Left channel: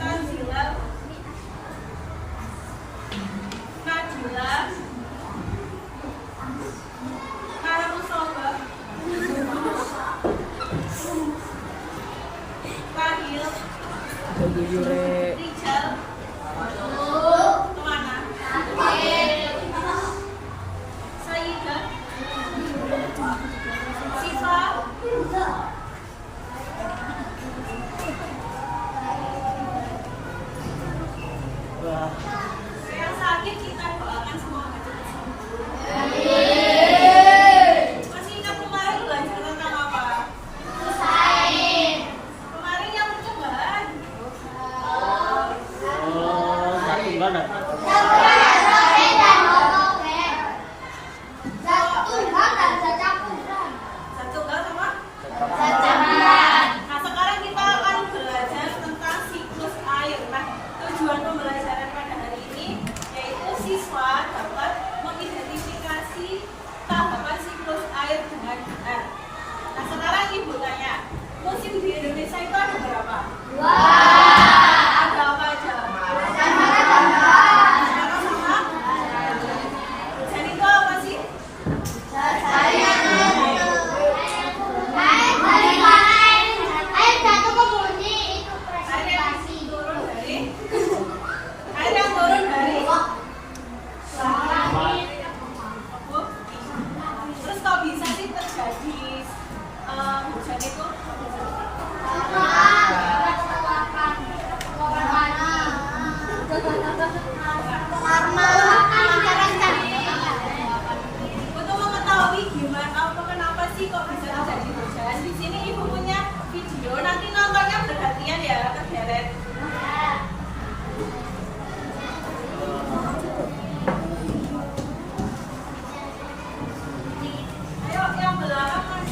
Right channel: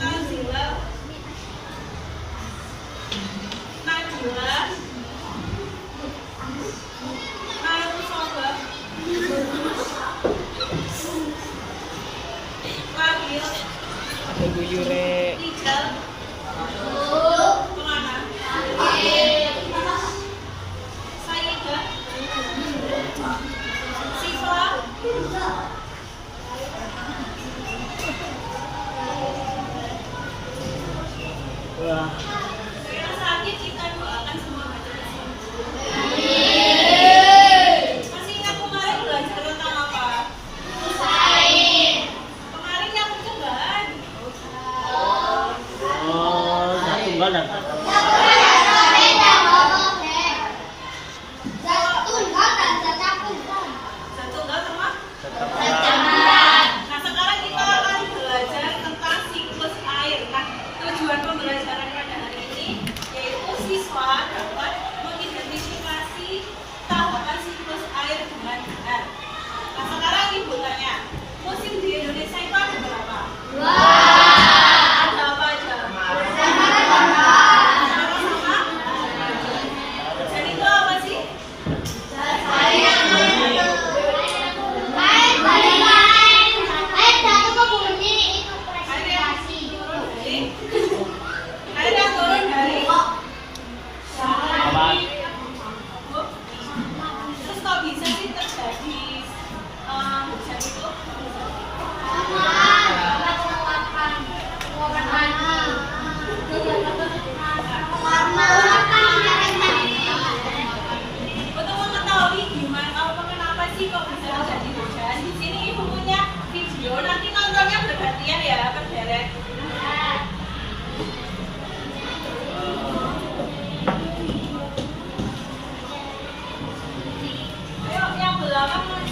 Tanzila, Najila, Marusoba, Lahir, Rijal, Kemana, Sayyidah, Siva, yang sakit kita doakan semua masih ingat kemarin belajar tentang apa? Kemarin yang percobaan. Satu enggak sama? Nah sekarang kita akan belajar tentang siklus air. Nah tujuan pembelajaran pada hari ini yaitu siswa dapat mengidentifikasi tahapan siklus air dengan benar. Nah sekarang ibu tanya, musim di Indonesia itu ada berapa? Ada apa aja? Sama-sama? Hujan itu apa sih? Air yang turun dari terus kok bisa sih terjadi hujan itu? Untuk mengetahui gimana kenapa sih kok bisa terjadi hujan, di sini ibu punya video, nanti nontonnya bergantian ya, berderet. Ayo yang belakang mas.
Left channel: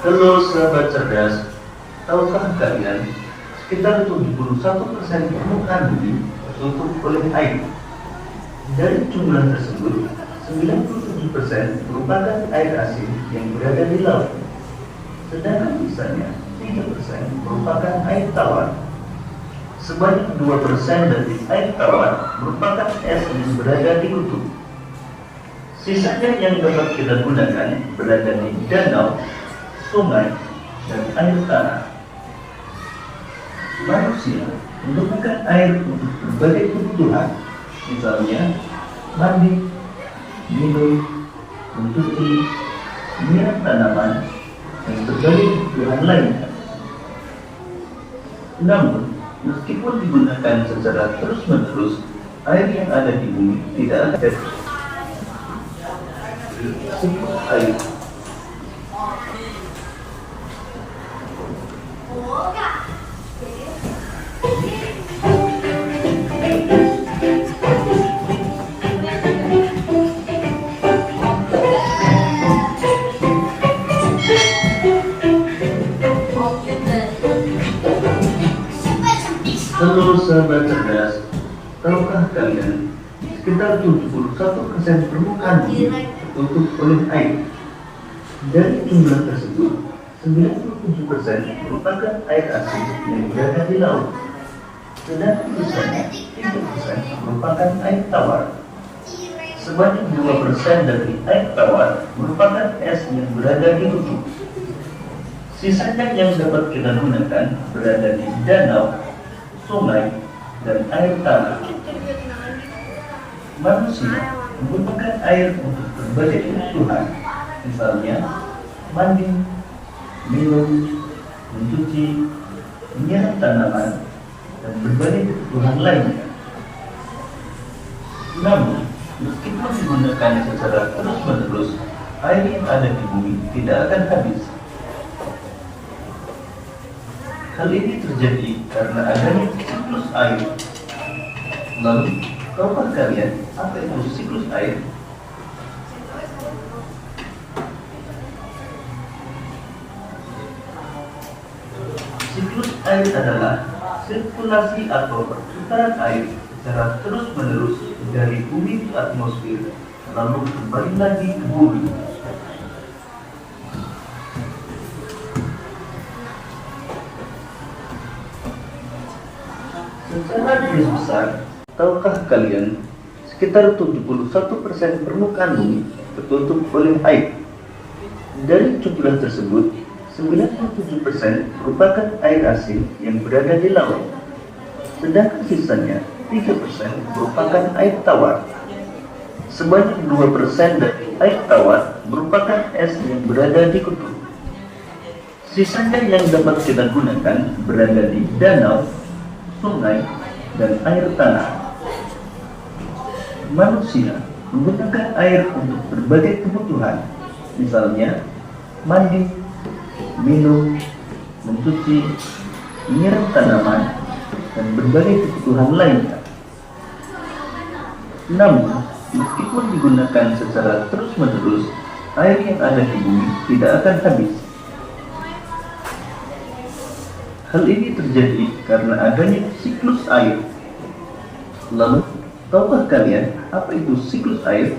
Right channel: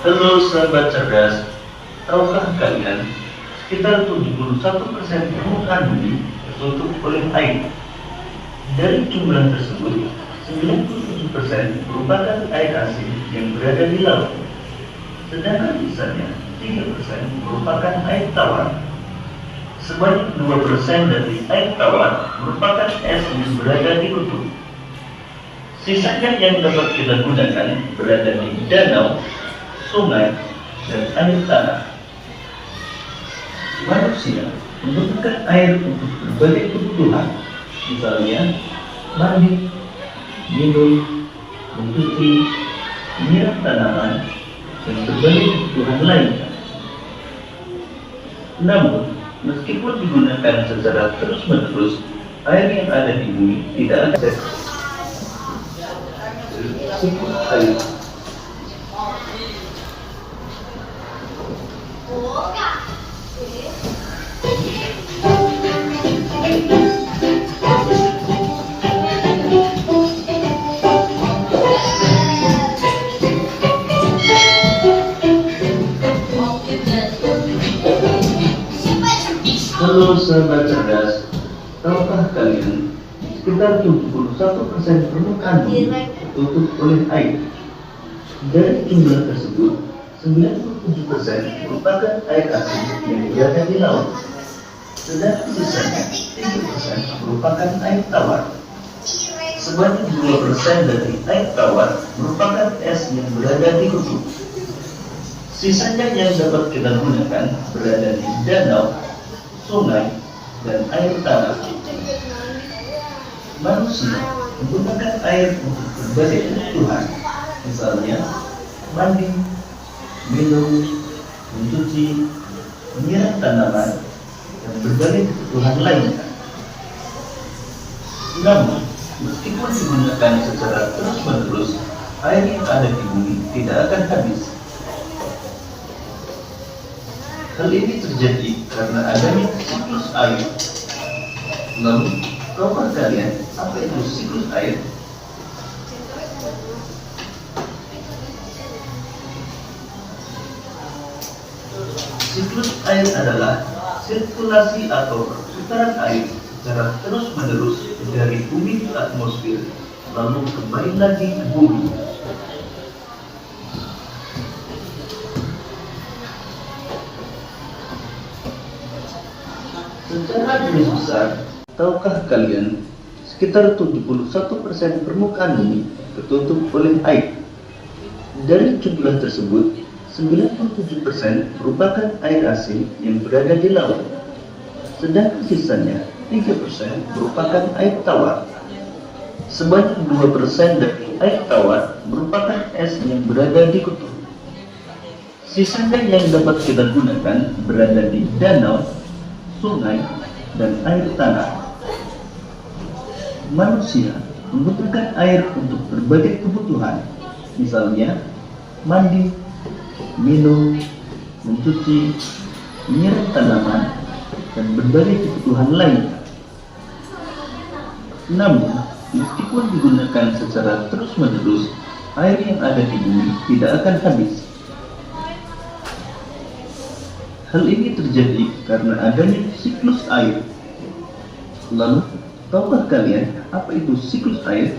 Halo sahabat cerdas, tahukah kalian sekitar 71% permukaan bumi tertutup oleh air. Dari jumlah tersebut, 97% merupakan air asin yang berada di laut, sedangkan sisanya 3% merupakan air tawar. Sebanyak 2% dari air tawar merupakan es yang berada di kutub. Sisanya yang dapat kita gunakan berada di danau, sungai, dan air tanah. Manusia menggunakan air untuk berbagai kebutuhan, misalnya mandi, minum, mencuci, menyiram tanaman, dan berbagai kebutuhan lainnya. Namun, meskipun digunakan secara terus-menerus, air yang ada di bumi tidak akan air. Halo sahabat cerdas, tahukah kalian sekitar 71% permukaan bumi tertutup oleh air. Dari jumlah tersebut, 97% merupakan air asin yang berada di laut, sedangkan sisanya 3% merupakan air tawar. Sebanyak 2% dari air tawar merupakan es yang berada di kutub. Sisanya yang dapat kita gunakan berada di danau, sungai, dan air tanah. Manusia menggunakan air untuk berbagai kebutuhan, misalnya mandi, minum, mencuci, menyiram tanaman, dan berbagai kebutuhan lainnya. Namun, meskipun digunakan secara terus-menerus, air yang ada di bumi tidak akan habis. Hal ini terjadi karena adanya siklus air. Lalu, tahukah kalian apa itu siklus air? Siklus air adalah sirkulasi atau perputaran air secara terus-menerus dari bumi ke atmosfer, lalu kembali lagi ke bumi. Secara garis besar, tahukah kalian sekitar 71% permukaan bumi tertutup oleh air. Dari jumlah tersebut, 97% merupakan air asin yang berada di laut, sedangkan sisanya 3% merupakan air tawar. Sebanyak 2% dari air tawar merupakan es yang berada di kutub. Sisanya yang dapat kita gunakan berada di danau, sungai, dan air tanah. Manusia menggunakan air untuk berbagai kebutuhan, misalnya mandi, minum, mencuci, menyiram tanaman, dan berbagai kebutuhan lainnya. Namun, meskipun digunakan secara terus-menerus, air yang ada di bumi tidak akan habis. Hal ini terjadi karena adanya siklus air. Lalu, tahukah kalian apa itu siklus air?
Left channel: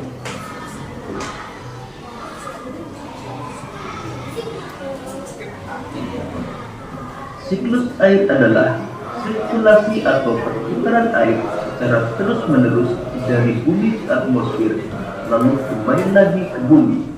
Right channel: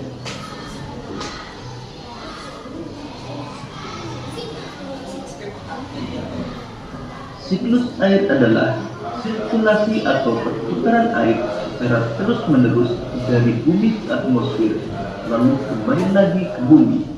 Siklus air adalah sirkulasi atau perputaran air secara terus-menerus dari bumi ke atmosfer, lalu kembali lagi ke bumi.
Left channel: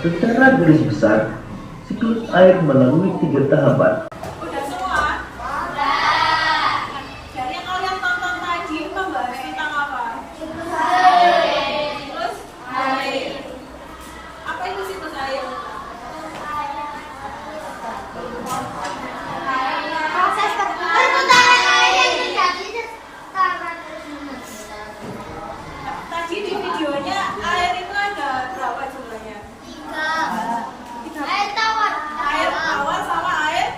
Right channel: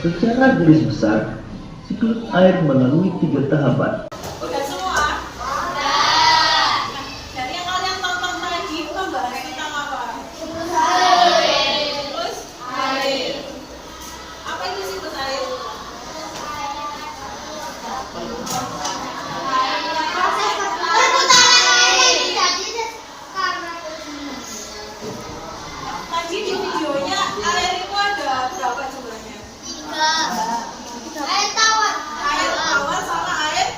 Secara garis besar, siklus air melalui 3 tahapan. Udah semua? Udah. Dari yang kalian tonton tadi, pembahasan kita apa? Siklus air. Apa itu siklus air? Proses perputaran air terjadi Tadi di videonya air itu ada berapa jumlahnya? air tawar Air tawar sama air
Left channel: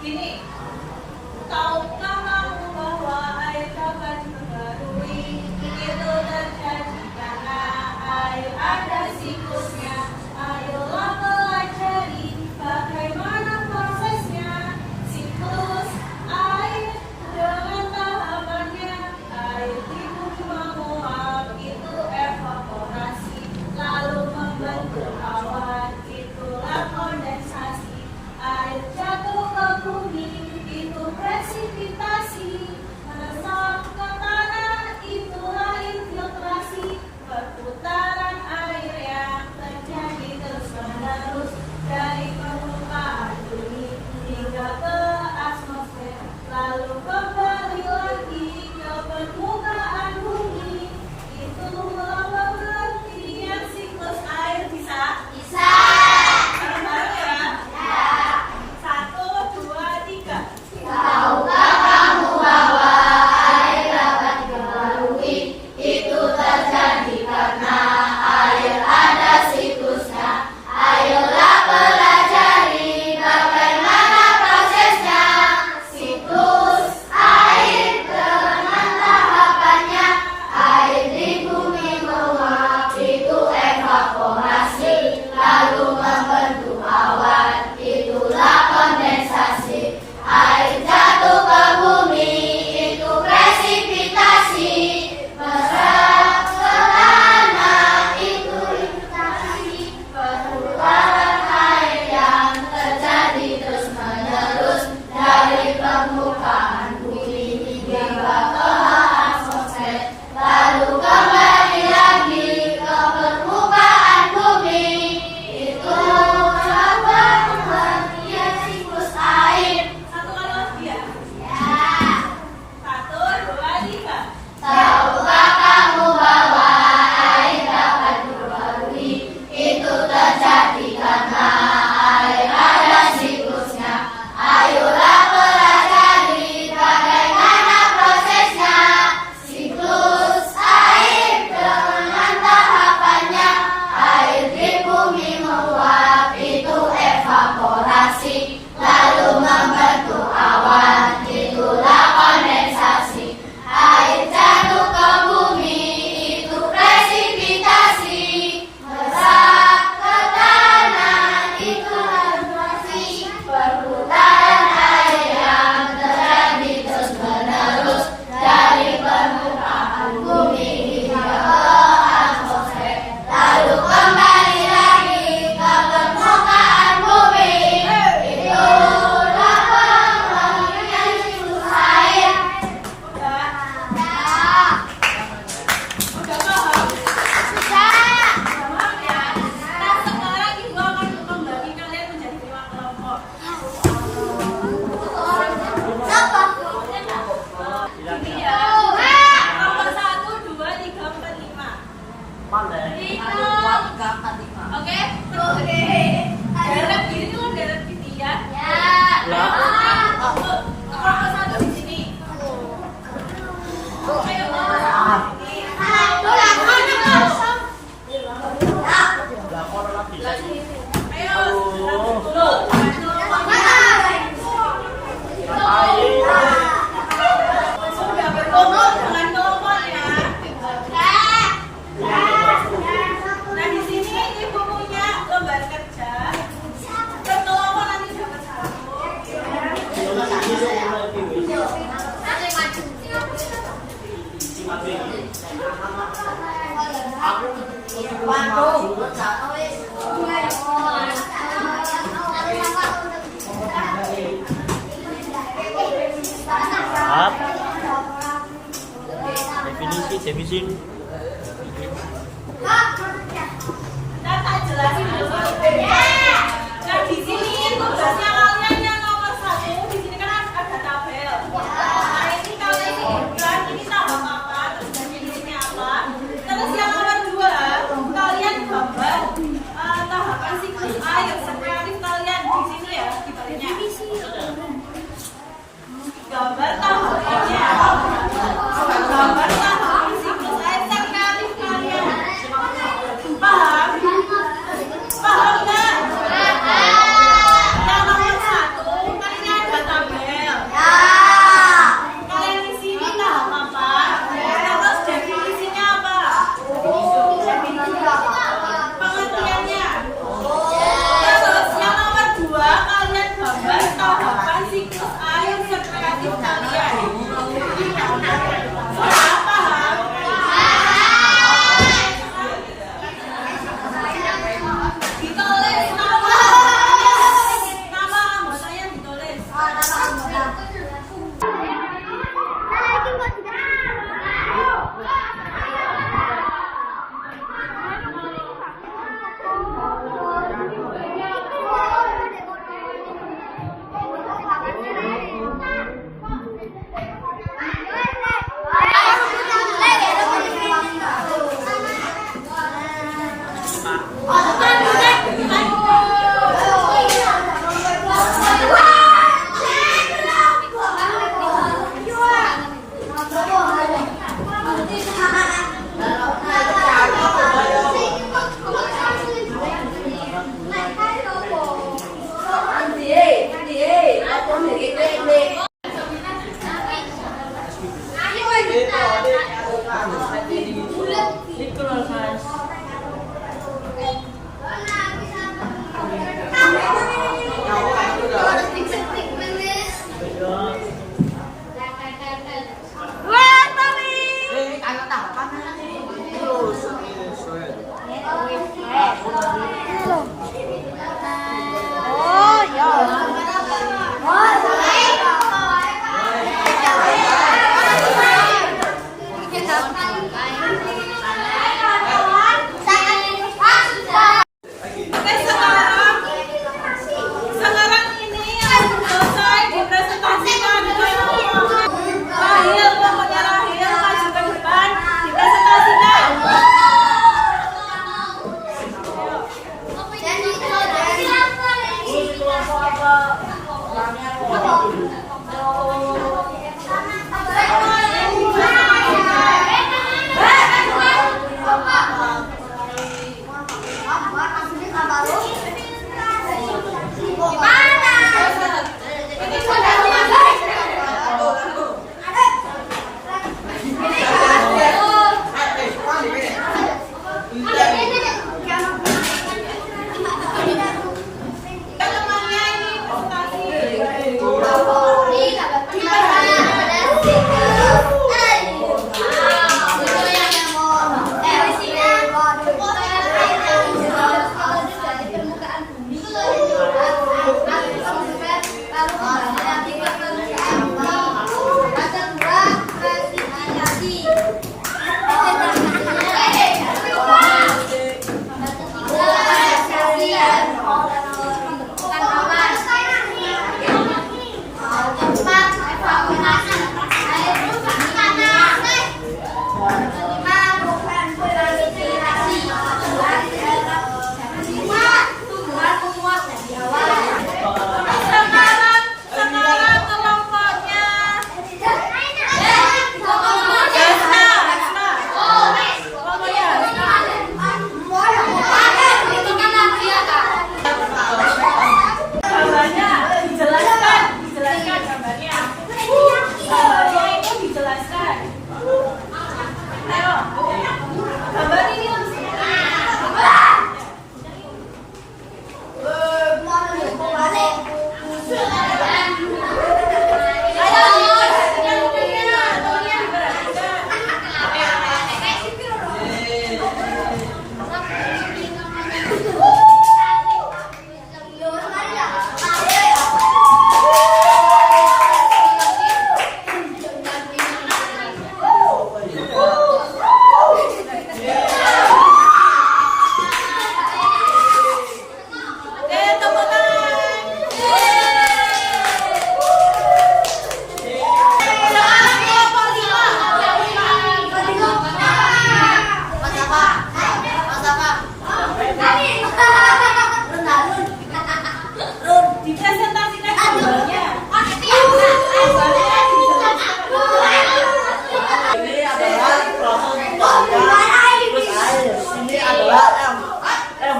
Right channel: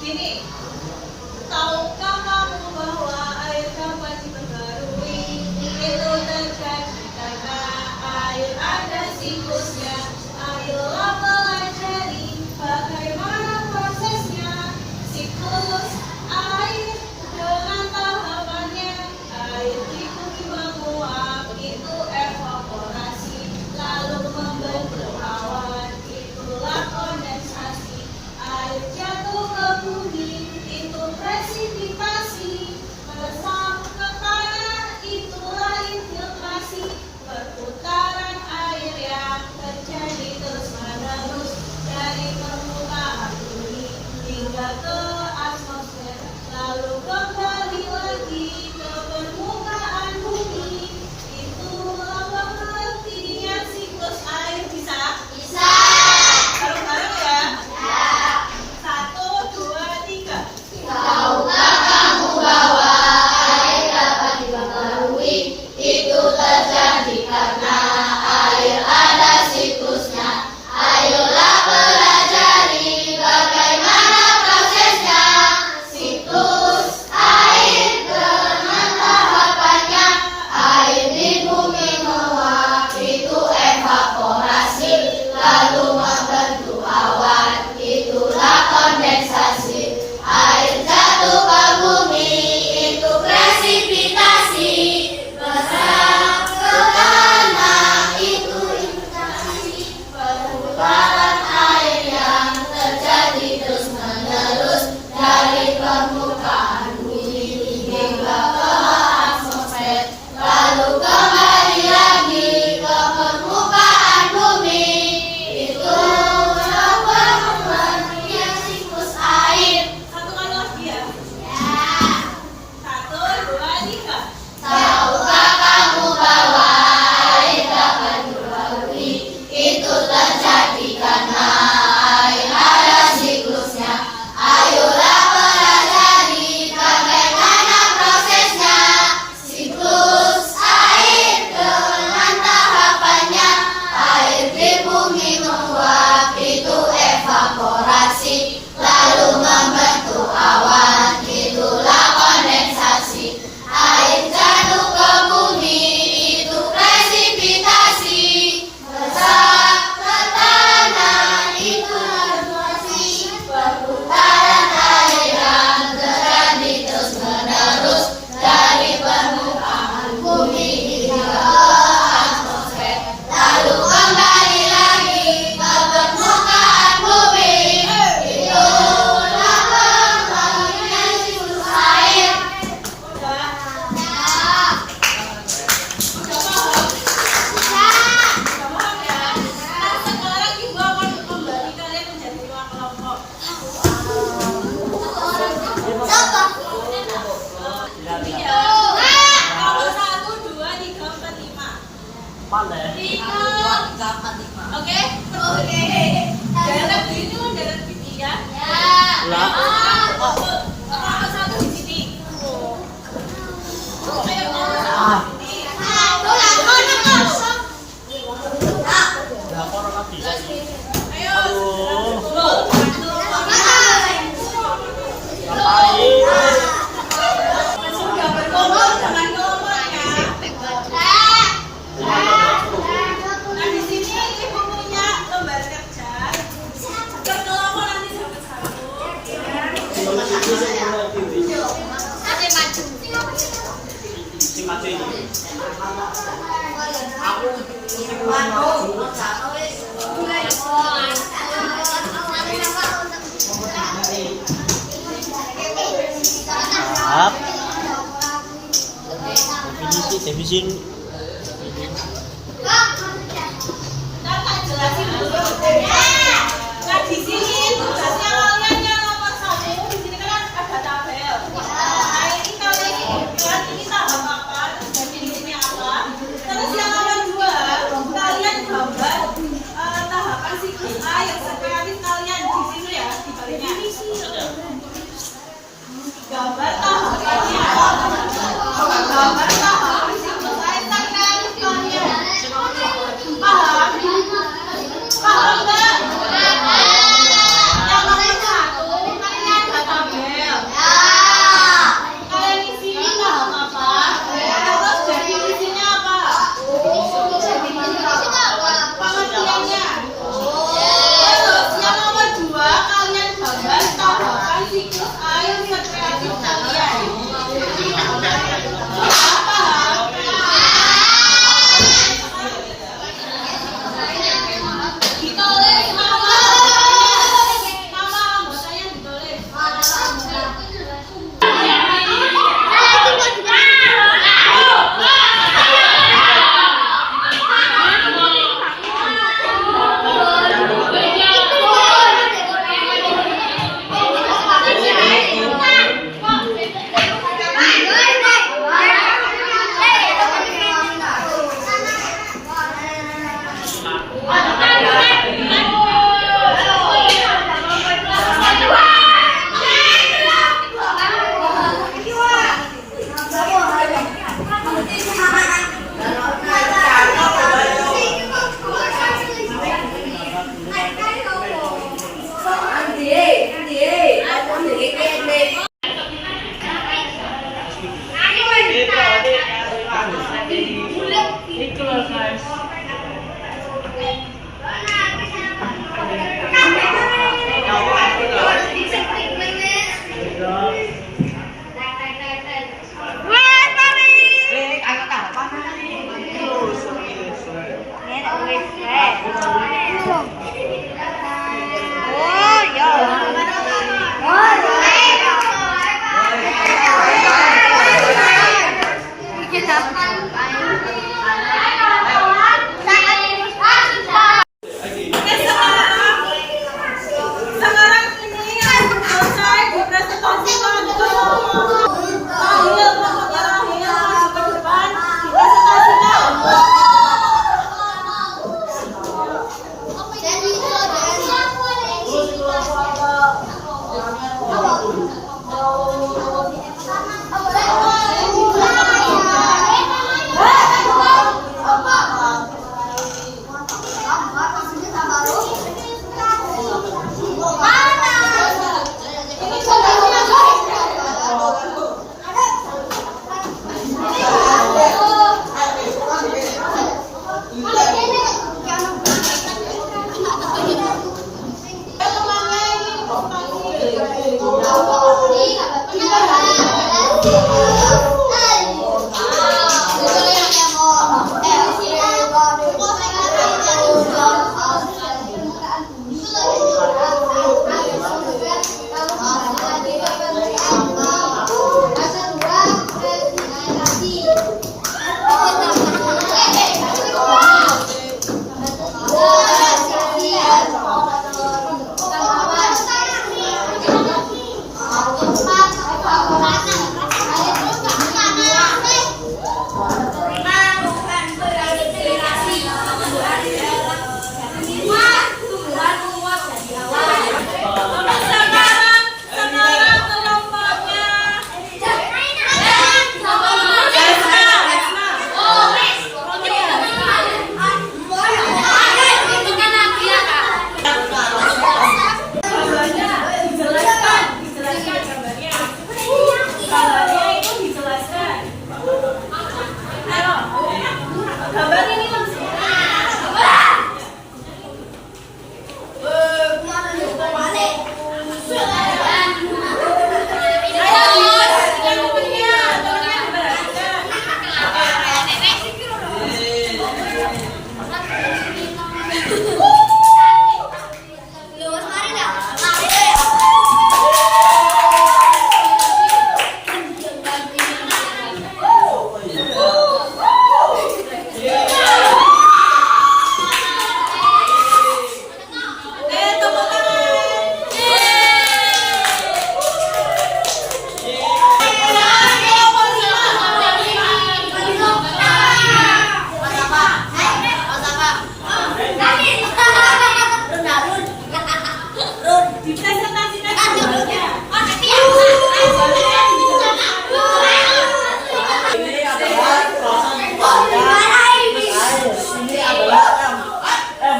Gini, tahukah kamu bahwa air dapat diperbarui? Itu terjadi karena air ada siklusnya. Ayolah pelajari bagaimana prosesnya. Siklus air dengan tahapannya. Air di bumi menguap, itu evaporasi, lalu membentuk awan, itulah kondensasi. Air jatuh ke bumi, itu presipitasi. Meresap ke tanah, itulah infiltrasi. Perputaran air yang terjadi terus-menerus dari permukaan bumi hingga ke atmosfer, lalu kembali lagi ke permukaan bumi. Itulah pengertian siklus air. Bisa? Bisa. Bareng-bareng ya? Satu, dua, tiga. Tahukah kamu bahwa air dapat diperbarui? Itu terjadi karena air ada siklusnya. Ayolah pelajari bagaimana prosesnya. Siklus air dengan tahapannya. Air di bumi menguap, itu evaporasi, lalu membentuk awan, itulah kondensasi. Air jatuh ke bumi, itu presipitasi. Meresap ke tanah, itu infiltrasi. Perputaran air yang terjadi terus-menerus dari permukaan bumi hingga ke atmosfer, lalu kembali lagi ke permukaan bumi. Itulah pengertian siklus air. Satu kali lagi ya. Satu, dua, tiga. Tahukah kamu bahwa air dapat diperbarui? Itu terjadi karena air ada siklusnya. Ayolah pelajari bagaimana prosesnya. Siklus air dengan tahapannya. Air di bumi menguap, itu evaporasi, lalu membentuk awan, itulah kondensasi. Air jatuh ke bumi, itu presipitasi. Meresap ke tanah, itu infiltrasi. Perputaran air yang terjadi terus-menerus dari permukaan bumi hingga ke atmosfer, lalu kembali lagi ke permukaan bumi. Itulah pengertian siklus air. Udah? Dah. Udah paham? Udah paham ya? Nah, sekarang ibu akan membagi kalian menjadi 5 kelompok. Siapa? Ini ya. Kalau 1, 2, 3, 4, 5. Oke? Oke. Darat gini kan darat gini ya? Ya. Kelompok 1 di sini. Ayo kelompok 1 di sini. Ayo, sudah berkumpul dengan kelompoknya. Nah, di sini ibu punya lembar kerja. Berkelompok nanti dapat 1. Definisi. Nah, tak jelasin dulu. Nah, di sini tugasnya kalian yang nomor 1. Di sini kan ada tabel. Nah, ini kalian ini ini tahap apa, terus definisinya apa. Terus yang nomor 2, kalian gambar tahapan siklus air. Seperti kalian di sini ya, di baliknya. Gambar tahapannya. Gambar tahapan siklus air. bagi kalian. Sudah paham? Ditulis nama anggotanya ditulis. Sekarang ini yang selesai dipresentasikan lahir pokoknya lahir maju ke depan dipresentasikan.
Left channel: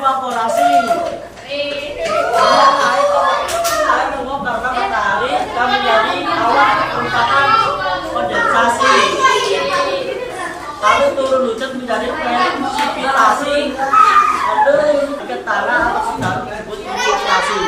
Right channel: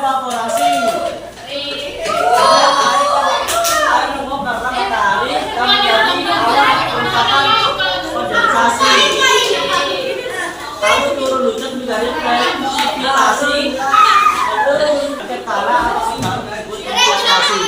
evaporasi. Air menguap karena matahari dan menjadi awan merupakan kondensasi. Lalu turun hujan menjadi presipitasi. Lalu ke tanah atau sedang disebut investasi.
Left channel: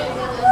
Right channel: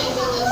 Waalaikumsalam.